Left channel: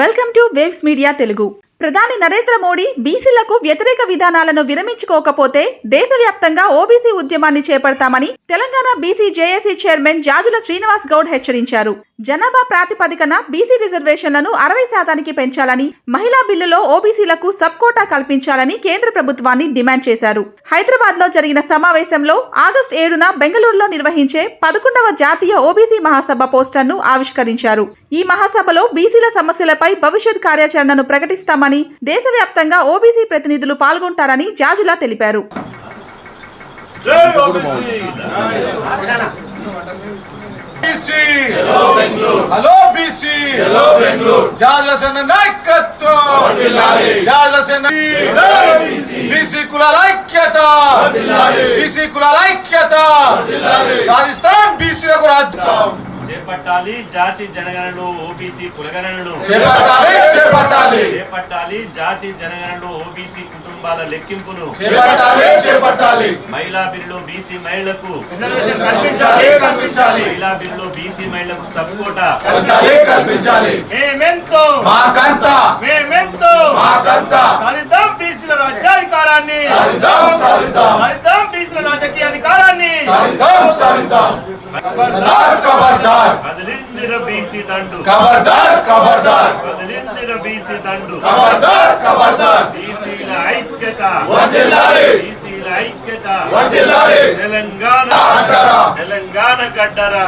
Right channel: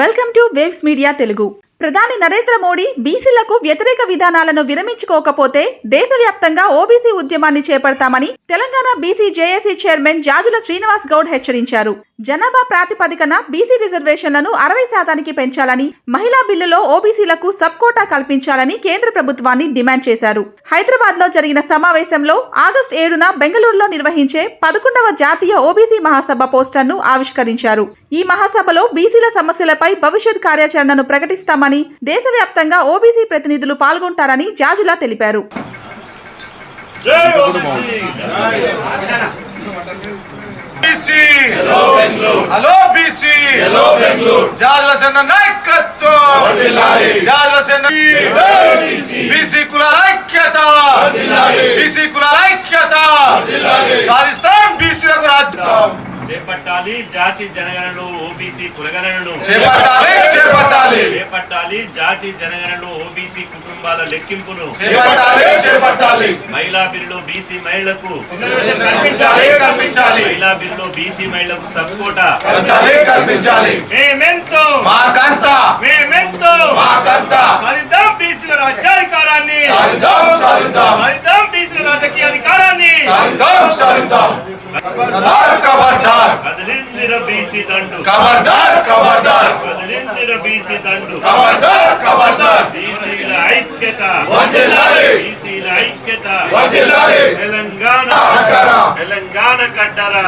Welcome to waves media Telugu. ప్రధాని నరేంద్ర మోడీ బీసీలకు వ్యతిరేక విధానాలను విరమించుకోకపోతే దేశవ్యాప్తంగా ఓబీసీ ఉద్యమాన్ని చేపడతామని Telangana BC JAC chairman Jajula Srinivas Goud హెచ్చరించారు. జనాభా ప్రాతిపదికన బీసీ రిజర్వేషన్లను 60% పెంచాలని, మహిళా బిల్లులో ఓబీసీలకు సబ్ కోటా కల్పించాలని కేంద్ర ప్రభుత్వాన్ని డిమాండ్ చేశారు. హైదరాబాద్ లో జరిగిన సమావేశంలో ఆగస్టు 7న బెంగళూరులో నిర్వహించే 11వ జాతీయ ఓబీసీ మహాసభ పోస్టర్ను ఆవిష్కరించారు. ఈ మహాసభలో బీసీల సమస్యలపై భవిష్యత్ కార్యాచరణను ప్రకటిస్తామని, దేశవ్యాప్తంగా ఓబీసీ ప్రతినిధులు పాల్గొంటారని జాజులా తెలిపారు. చేపట్టాలి జాతి జనగణను ఓబీసీ కులగణను చేపట్టాలి జాతి జనగణను ఓబీసీ కుటుంబాల లెక్కింపును చేపట్టాలి మహిళా బిల్లు బీసీ మహిళలకు మహిళా బిల్లు బీసీ మహిళలకు సబ్ కోటా కల్పించాలి. మేమెంతో సాధిద్దాం బీసీల రాజ్యాధికారాన్ని, సాధిద్దాం బీసీల రాజకీయ అధికారాన్ని. కదిలిందిర బీసీ దండు, కదిలిందిర బీసీ దండు, బీసీల ఐక్యత, బీసీల ఐక్యత. తెలంగాణ గడ్డరా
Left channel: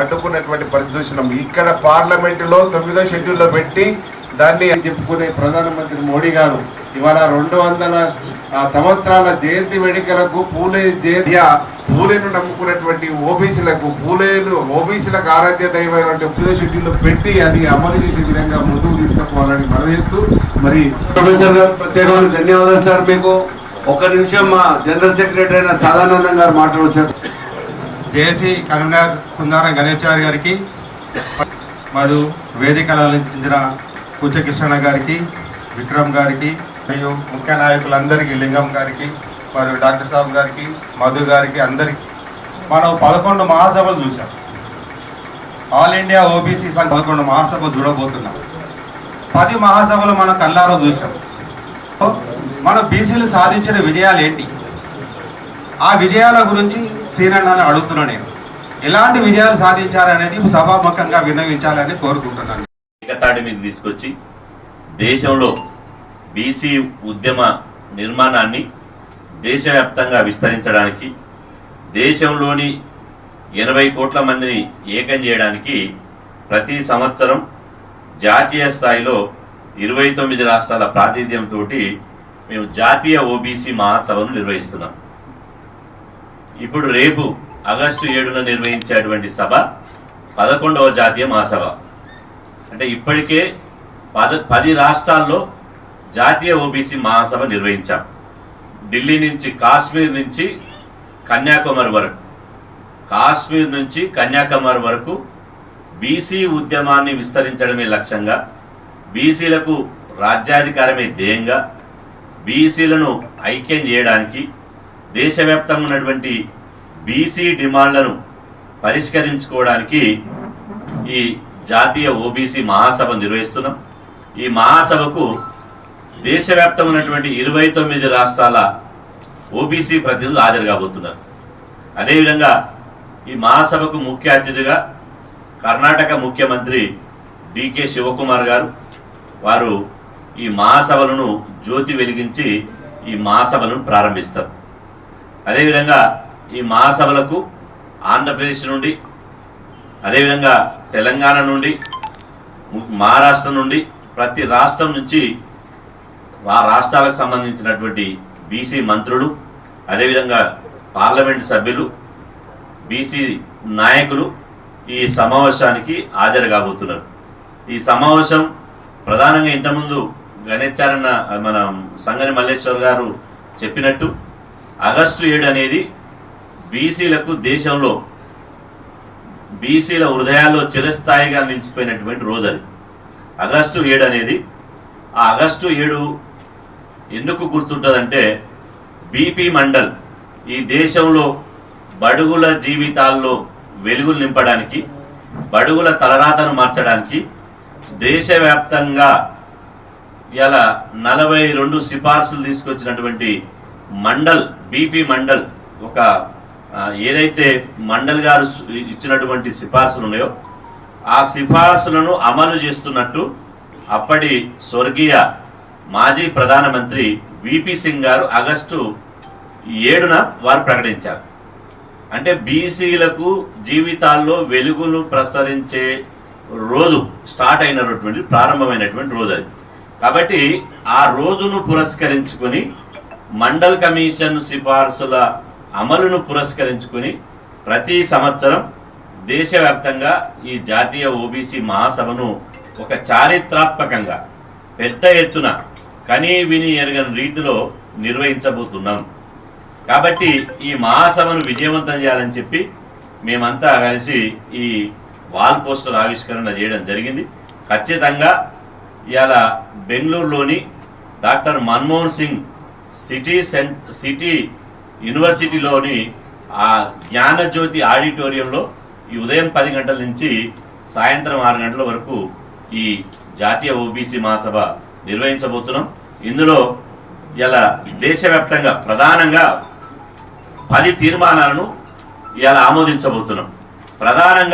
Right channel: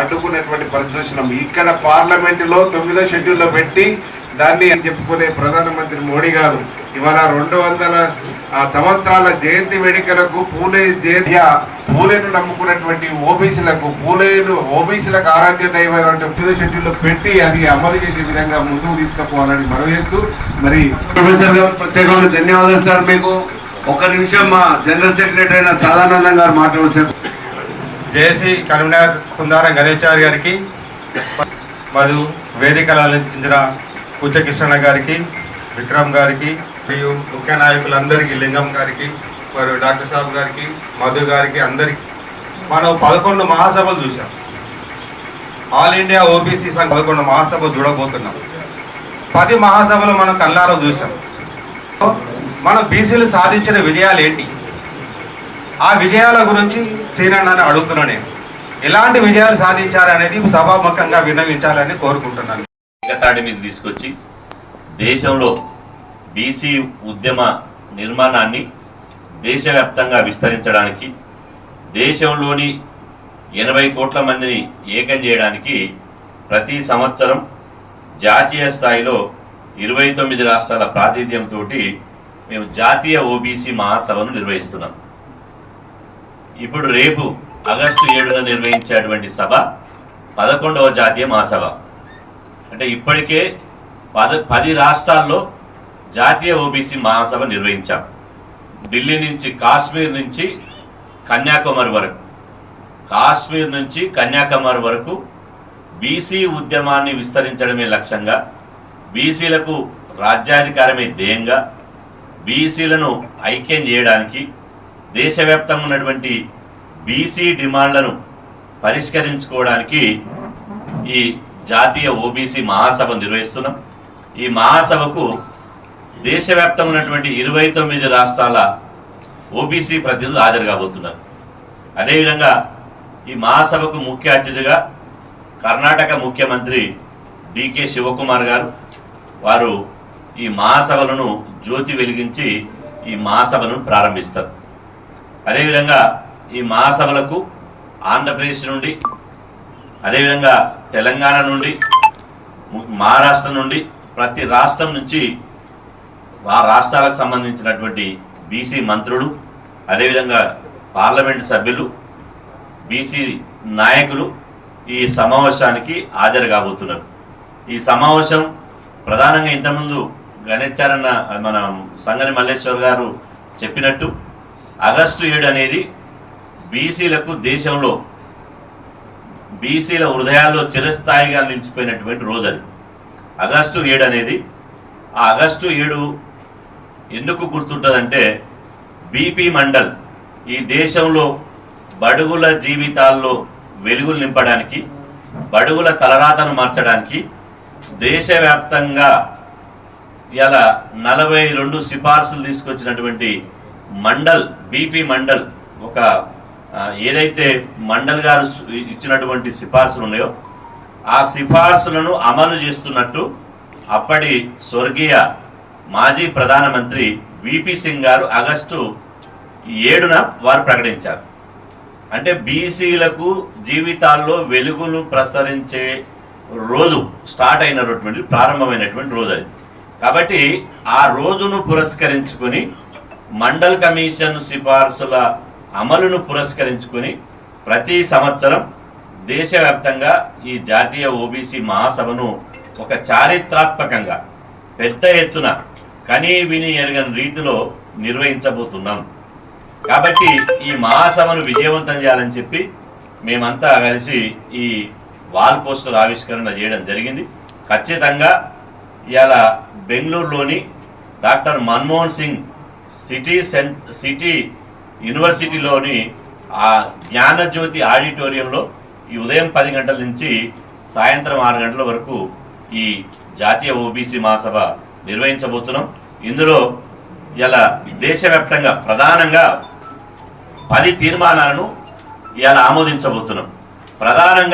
అడ్డుకున్నటువంటి పరిస్థితి చూసినాం. ఇక్కడ పార్లమెంట్ లో 9వ షెడ్యూల్ లో పెట్టి దాన్ని చెప్పుకునే ప్రధానమంత్రి మోడీ గారు ఇవాళ 200 సంవత్సరాల జయంతి వేడుకలకు పూలేను నమ్ముకున్నటువంటి ఓబీసీలకు ఓబీసీలకు ఆరాధ్య దైవమైనటువంటి 9వ షెడ్యూల్ పెట్టి అది అమలు చేసే విధంగా ముందుకు తీసుకుపోవాలని మనవి చేస్తూ, మరి ప్రొఫెసర్ గారు ప్రత్యేకమైన ధన్యవాదాలు సార్. మీకు ఒక నిమిషం మా జనరల్ సెక్రటరీ అయిన సదానందం గారు మాట్లాడుతారు. జేఏసీ కరీంనగర్ కుందారం గణేశారి గారికి, మరియు వేదికలు అలంకరించిన కూచకృష్ణ గారికి, విక్రమ్ గారికి, మరియు ముఖ్య నాయకులందరికీ, లింగం గారికి, మరియు డాక్టర్ సాబ్ గారికి, మధు గారికి, అందరికీ. మనం 11 మహాసభలు చూసాం. ఆల్ ఇండియా ఓబీసీ సంఘ 11 మహాసభలు చూడబోతున్నాం. 10 మహాసభలు మనం కళ్ళారా చూసాం. మనం బీసీలు సాధించిన విజయాలు ఏంటి, ఆ విజయాల గురించి సీనన్నని అడుగుతున్నాను. ఎలాంటి విజయాలు సాధించారనేది సభాముఖంగా విన్నవించాలని కోరుకుంటున్నాను. ఏకతాటి మీద తీసుకొచ్చి దేశంలో బీసీ ఉద్యమ నిర్మాణాన్ని దేశవ్యాప్తంగా విస్తరించడానికి, దేశంలోని 80 కోట్ల మందిని ఏకం చేయడానికి ప్రతి సంవత్సరం జాతీయ స్థాయిలో 29 రాష్ట్రాల ప్రాతినిధ్యంతో మేము జాతీయ ఓబీసీ మహాసభను నిర్వహిస్తున్నాం. ఇప్పుడు రేపు ఆగస్టు 7న నిర్వహించేటువంటి సభ 11వ జాతీయ మహాసభ. అంటే ఇప్పటికే 10 రాష్ట్రాల్లో జాతీయ ఓబీసీ మహాసభ నిర్వహించాం. ఢిల్లీ నుంచి కాశ్మీర్ నుంచి కన్యాకుమారి వరకు బీసీ ఉద్యమాన్ని విస్తరించడమే లక్ష్యంగా, బీసీలకు రాజ్యాధికారమే ధ్యేయంగా, బీసీలను ఐక్యం చేయడానికి, దేశవ్యాప్తంగా ఉన్నటువంటి బీసీ డిమాండ్లను పరిష్కరించుకోవడానికి ఈ జాతీయ ఓబీసీ మహాసభ నిర్వహిస్తున్నాం. ఈ మహాసభకు దేశవ్యాప్తంగా ఉన్నటువంటి 29 రాష్ట్రాల ఓబీసీ ప్రతినిధులు హాజరు కాబోతున్నారు. అదేవిధంగా ఈ మహాసభకు ముఖ్య అతిథిగా కర్ణాటక ముఖ్యమంత్రి డికే శివకుమార్ గారు వారు ఈ మహాసభలను జ్యోతి వెలిగించి ఈ మహాసభను ప్రారంభిస్తారు. అదేవిధంగా ఈ మహాసభలకు ఆంధ్రప్రదేశ్ నుండి, అదేవిధంగా తెలంగాణ నుండి, మహారాష్ట్ర నుండి, ప్రతి రాష్ట్రం నుంచి ఆ రాష్ట్రాలకు సంబంధించినటువంటి బీసీ మంత్రులు, అదేవిధంగా పార్లమెంట్ సభ్యులు, బీసీ నాయకులు ఈ సమావేశానికి హాజరు కాబోతున్నారు. ఈ సమావేశం ప్రధానంగా ఇంతకుముందు గణేశారన్న మన సంగని మల్లేశ్వర్ గారు చెప్పినట్టు ఆగస్టు 7 అనేది బీసీలకు దేశంలో బీసీల హృదయాల్లో చిరస్థాయిగా నిలిచిపోయినటువంటి రోజు. అది ఆగస్టు 7 అనేది, ఆ ఆగస్టు 7 ఎందుకు గుర్తుంటుందంటే బీపీ మండల్ ఈ దేశంలో బడుగుల జీవితాల్లో వెలుగులు నింపడానికి, బడుగుల తలరాతను మార్చడానికి దేశవ్యాప్తంగా ఇలా 42 సిఫార్సులు తీసుకొచ్చినటువంటి మండల్, బీపీ మండల్, ఒక ఏదైతే మండల్ గారు ఇచ్చినటువంటి సిఫార్సులు ఉన్నాయో ఆ సిఫార్సులను అమలు చేస్తున్నట్టు అప్పటి స్వర్గీయ మాజీ ప్రధానమంత్రి విపి సింగ్ గారు ఆగస్టు 7న వారు ప్రకటించారు. అంటే బీసీలకు జీవితాల్లో వెలుగును ప్రసరించే రోజు స్టార్ట్ అయినటువంటి, ప్రారంభమైనటువంటి రోజు అది. కాబట్టి ఆ రోజును పురస్కరించుకొని మండల్ కమిషన్ సిఫార్సుల అమలును పురస్కరించుకొని ప్రతి సంవత్సరం దేశవ్యాప్తంగా ఈ జాతీయ ఓబీసీ మహాసభను ఒక చారిత్రాత్మకంగా పెద్ద ఎత్తున కనీ విని ఎరగని రీతిలో నిర్వహించబోతున్నాం. కాబట్టి ఈ మహాసభను విజయవంతం చేయాలని చెప్పి మేమంతా కలిసి ఈ వాల్ పోస్టర్ ఆవిష్కరణ చేయడం జరిగింది. ఖచ్చితంగా ఇవాళ బెంగళూరులోని డాక్టర్ మన్మోహన్ సింగ్ సిటీ యూనివర్సిటీలోని ఆ జ్ఞానజ్యోతి ఆడిటోరియంలో ఈ ఉదయం 10 గంటల నుంచి సాయంత్రం 6 గంటల వరకు ఈ జాతీయ ఓబీసీ మహాసభ నిర్వహించబోతున్నాం. ఇందులో ఇలా దేశవ్యాప్తంగా ప్రధానంగా 10 తీర్మానాలను ఇలా ఆమోదించబోతున్నాం. ప్రధానంగా